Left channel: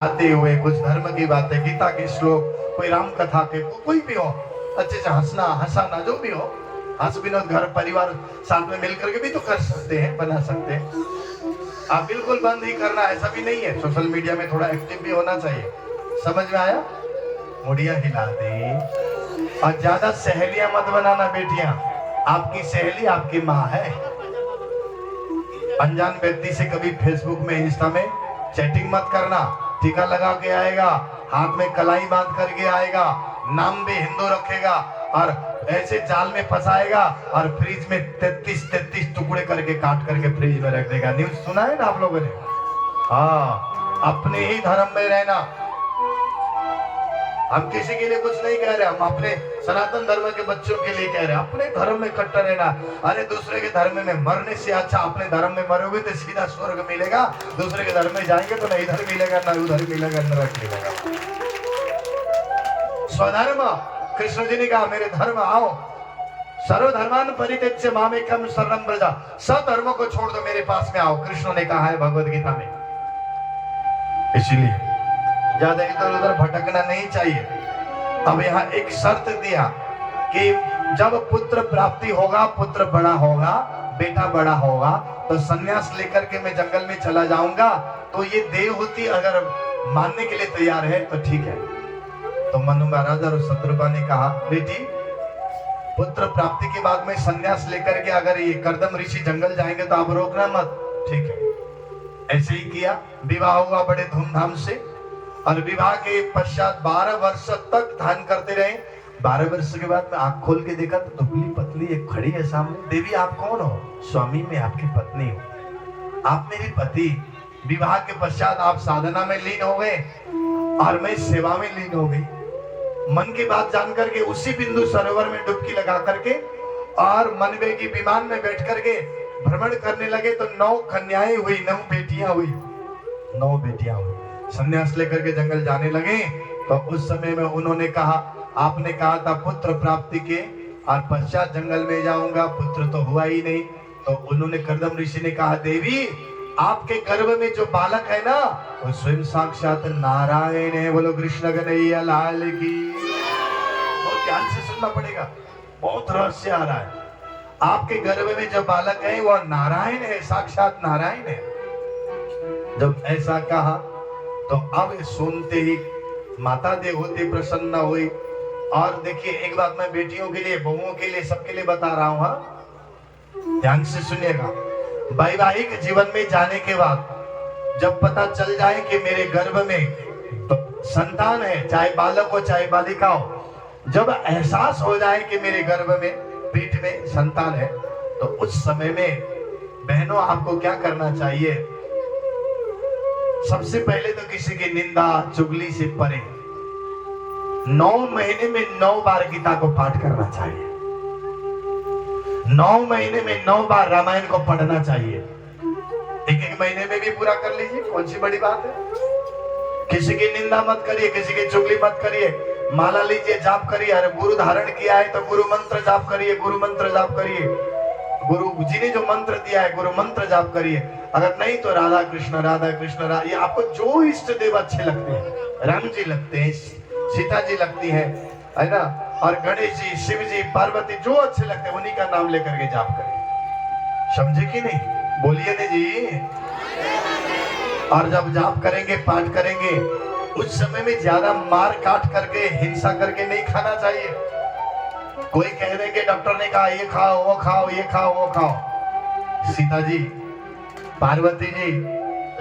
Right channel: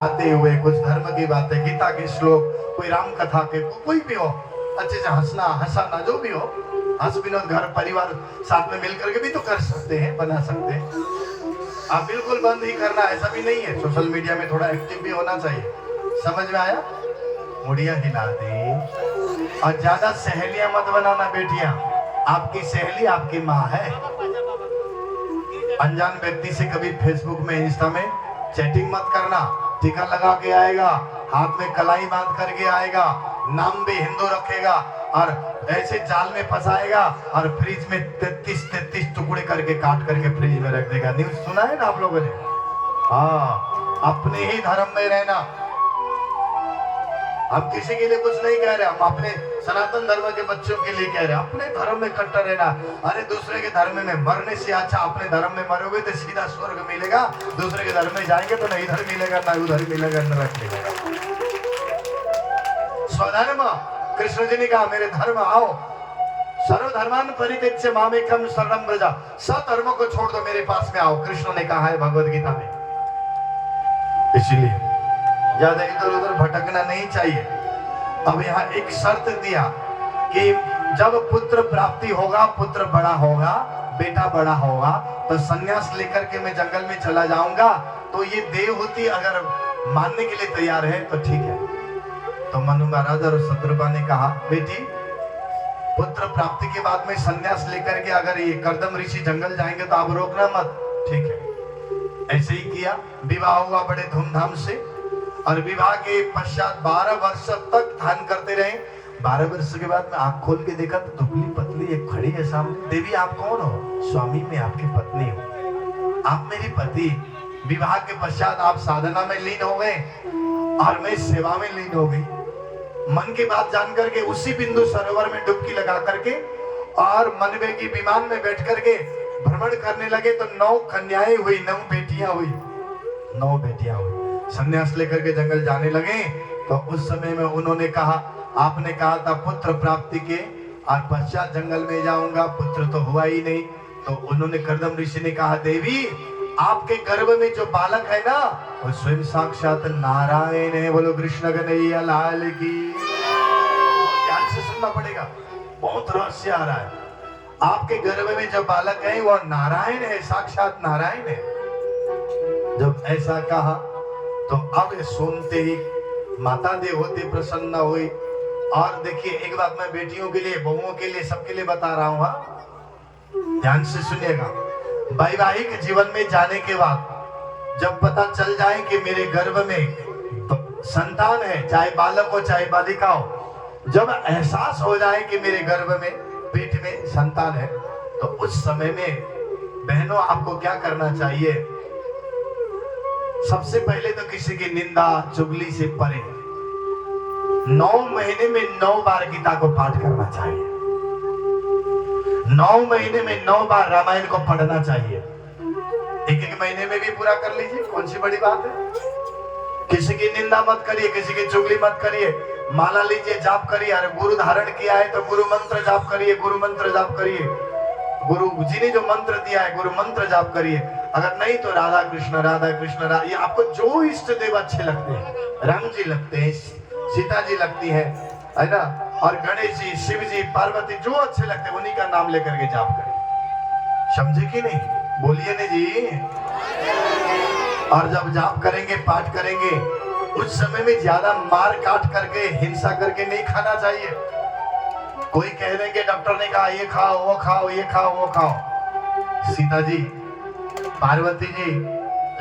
आते हुए कुछ धर्म की बातें, गीता के श्लोक, कोई राम कथा के, कोई भी हो, अच्छे से हंसना हंसाना जो भी हो, हंस विनोद घर परिवार साथ में मिलकर के भी तो कर सकते हैं, बना सकते हैं। आप बिल्कुल बंद ही करना ऐसा भी नहीं है। सोशल मीडिया में थोड़ा एक्टिव भी होना चाहिए। समझ में आया? मुड़िया हिला दे। और ज्यादा सहेलियां मत बनाना बेटियां। आपकी सहेली आपकी माँ है। अनजान व्यक्ति से कभी फेसबुक में, इंस्टा में चैटिंग मत करना। टीका लगा के आएगा, हाथ में कलाई बांध करके आएगा, नाम भी हिंदू रखेगा और ऐसे जाल में फंसाएगा और फ्रिज में 33 टुकड़े करके काट करके फ्रिज में रख देगा। न्यूज सुना है ना आप लोगों ने? हाँ, अपने ही धर्म में रहना। हम किसी के लिए कुछ नहीं कह रहे, हम अपने सनातन धर्म के बच्चों के लिए कह रहे हैं, अपने धर्म में कट्टर रहना। अरे दूसरे के धर्म में मरने से अच्छा अपने धर्म में मरोगे तो सीधा स्वर्ग मिलेगा। दूसरे के धर्म में जाएंगे तो ना इधर मिलेगा ना उधर मिलेगा, नरक मिलेगा। स्वधर्म, कृष्ण जी ने कहा मेरे धर्म आओ। सर्वधर्मान परित्यज्य मामेकं शरणं व्रज। सब धर्मों को छोड़ दो, मेरे पास में आओ, कृष्ण ने कहा है भगवद गीता में। इसलिए ज्यादा इधर उधर भटकना नहीं चाहिए। अब यहाँ एक शर्त दिया कि जब पुत्र प्राप्ति होगा, पुत्र बड़ा होगा, बेटा बड़ा होगा, तो संन्यास लेकर के मैं जंगल में चला जाऊंगा। तो ये देवहूति अगर मानने के लिए तैयार है तो ठीक है। तो मनु महाराज और शत्रुघ्न ने कहा बेटी, पुत्र प्राप्ति के बाद में संन्यास लेकर के अगर ये कर्दम ऋषि जंगल जाएंगे तो आप रोकना मत। ठीक है। ऐसे ही किया। विवाह हुआ बड़े धूमधाम से और विवाह के पश्चात 12 वर्ष तक ध्यान करते रहे। 12 वर्ष के बाद में आंख खोल के देखा तो दुबली पतली एक खड़ी है सामने। देवी आप कौन हो? स्वामी मैं आपकी पत्नी हूँ, आप मेरी पति। विवाह के पश्चात आप साधना में लीन हो गए और मैं सेवा में लीन हो गई। मन की बात जान करके उसी बिंदु सरोवर में डुबकी लगा करके और मनवे की विमान में बैठ करके भ्रमण करने लगे। तो 9 कन्याएं हुई, 9 बेटियां हुई, 9 बेटियां हुई। संन्यास लेकर के जंगल जाने लगे। तो उस समय में उन्होंने कहा, आपने कहा था पुत्र प्राप्ति के और पश्चात जंगल में जाऊंगा, पुत्र तो हुआ ही नहीं। तो उन्होंने कर्दम ऋषि ने कहा देवी आपके गर्भ में जो बालक है ना वो स्वयं साक्षात नारायण है। बोलो कृष्ण कन्हैया लाल की। बहुत ध्यान से सुनना पड़ेगा, बहुत रहस्य आ रहा है। आपके गर्भ में जो बालक है वो नारायण है, साक्षात नारायण है। जब ऐसा कहा तो अब सुनते ही माता देवहूति प्रसन्न हुई। और देखिए एक बात मैं बेटियों के लिए, बहुओं के लिए, सबके लिए बता रहा हूं, ध्यान से सुनिएगा। वैवाहिक जीवन में जाने के बाद जब पता चल जाए कि मेरे गर्भ में तो संतान है, चाहे बालक हो चाहे बालिका हो, जब एहसास हो जाए कि मेरे गर्भ में, पेट में संतान है, तो उस समय में बहनों आपको क्या करना चाहिए? सबसे पहले तो किसी की निंदा चुगली से परे 9 महीने में 9 बार गीता को पाठ करना चाहिए। 9 महीने में 9 बार रामायण को पढ़ना चाहिए। एक महीने में भी पूरा कर लीजिए, कौन सी बड़ी बात है। किसी की निंदा मत करिए, किसी की चुगली मत करिए। माला लीजिए, जाप करिए। अरे गुरु धारण किया है तो गुरु मंत्र जाप करिए, गुरु मंत्र जाप करिए। गुरु जी ने जो मंत्र दिया है गुरु मंत्र जाप करिए। अगर नहीं तो राधा कृष्ण राधा, ये आपको जो इष्ट देव अच्छे लगते हैं, राम जी लगते हैं, सीता जी लगती है ना, और गणेश जी, शिव जी, पार्वती, जो अच्छे लगते हैं उन्हीं का नाम लेकर के जाप करिए। समझे कि नहीं? बोलिए जी। और जब जाप करेंगे, पाठ करेंगे, उस समय में ज्यादा मार काट करके, हिंसा करके नहीं खाना चाहिए। कोई कह रहे कि डॉक्टर ने कहा ये खाओ वो खाओ, ये खाओ वो खाओ। सीता जी, पार्वती जी,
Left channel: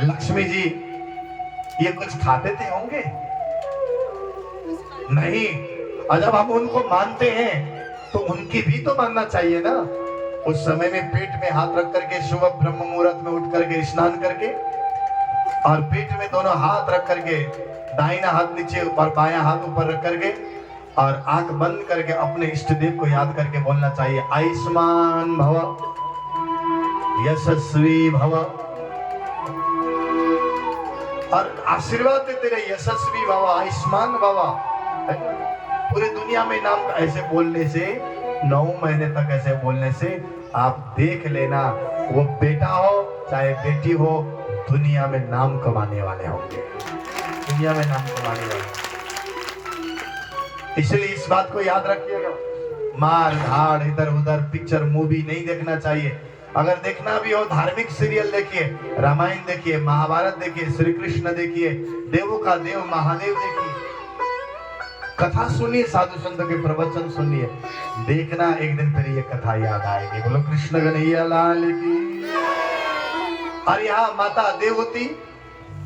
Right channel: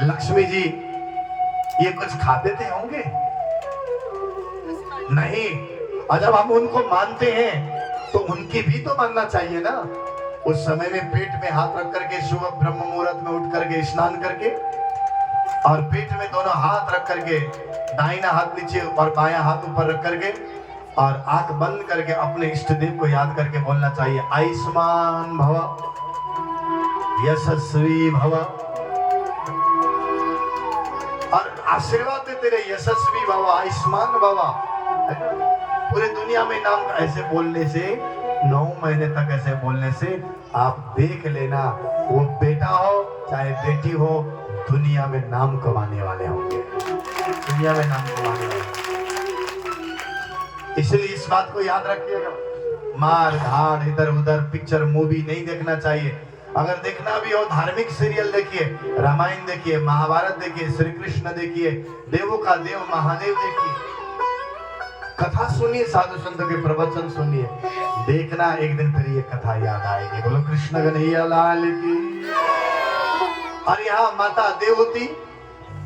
लक्ष्मी जी ये कुछ खाते थे होंगे? नहीं। और जब हम उनको मानते हैं तो उनकी भी तो मानना चाहिए ना। उस समय में पेट में हाथ रख करके सुबह ब्रह्म मुहूर्त में उठ करके स्नान करके और पेट में दोनों हाथ रख करके, दाहिना हाथ नीचे और बायां हाथ ऊपर रख करके और आंख बंद करके अपने इष्ट देव को याद करके बोलना चाहिए आयुष्मान भव, यशस्वी भव। और आशीर्वाद देते रहे, यशस्वी भव, आयुष्मान भव। पूरे दुनिया में नाम ऐसे बोलने से, 9 महीने तक ऐसे बोलने से आप देख लेना, वो बेटा हो चाहे बेटी हो, दुनिया में नाम कमाने वाले होंगे। इसलिए इस बात को याद रखिएगा, मार धाड़ इधर उधर पिक्चर मूवी नहीं देखना चाहिए। अगर देखना भी हो धार्मिक सीरियल देखिए, रामायण देखिए, महाभारत देखिए, श्री कृष्ण देखिए, देवों का देव महादेव देखिए, कथा सुनिए, साधु संतों के प्रवचन सुनिए, देखना एक दिन फिर ये कथा याद आएगी। बोलो कृष्ण कन्हैया लाल की। और यहाँ माता देवती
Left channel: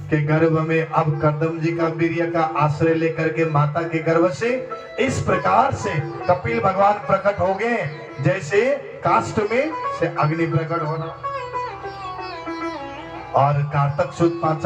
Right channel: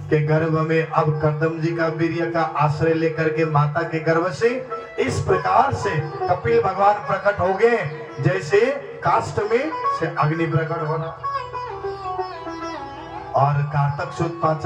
के गर्भ में अब कर्दम जी का वीर्य का आश्रय लेकर के माता के गर्भ से इस प्रकार से कपिल भगवान प्रकट हो गए, जैसे काष्ठ में से अग्नि प्रकट होना। और कार्तक सुद 5